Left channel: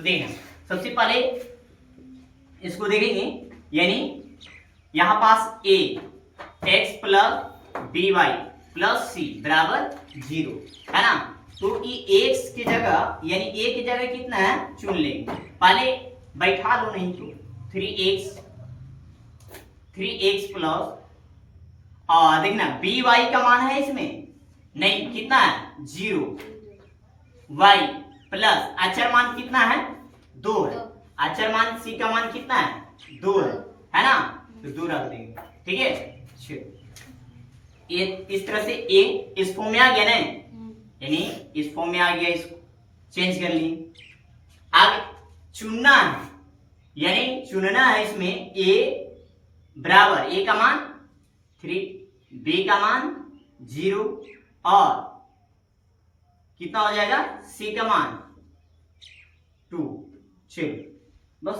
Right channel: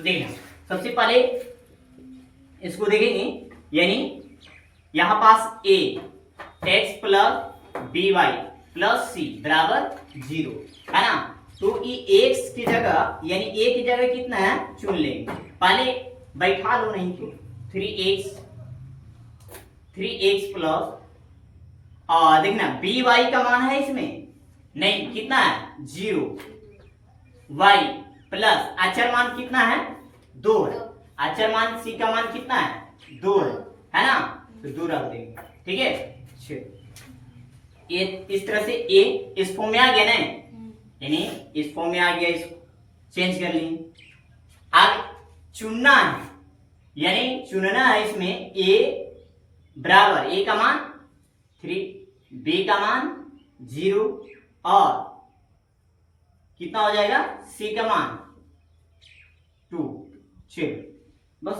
तो देखना सबसे पहले इसको देखेंगे, यानी यहां पास a x plus B Y plus C बराबर 0 है ना। तो ये x की जगह यानी a की जगह कितना है चुन लेंगे, पहले बैठा लो, नहीं तो 3x प्लस देखना बी वाई का मान है इसमें नहीं, कितना है 0, y प्लस अचर मान कितना है 2 है, अचर मान सी का मान कितना है 2 है ना, तो 2 रख देंगे। ठीक है, ये इस तरह से ए इस फॉर्म में आ गया ना, यानी इस फॉर्म में आ गया, इसको चेंज कर लिए। आगे चुनना है, यानी चुनना है इसमें ए बराबर ए का मान 3, बी का मान 0 और कितना हो जाएगा सी का मान 2। चलो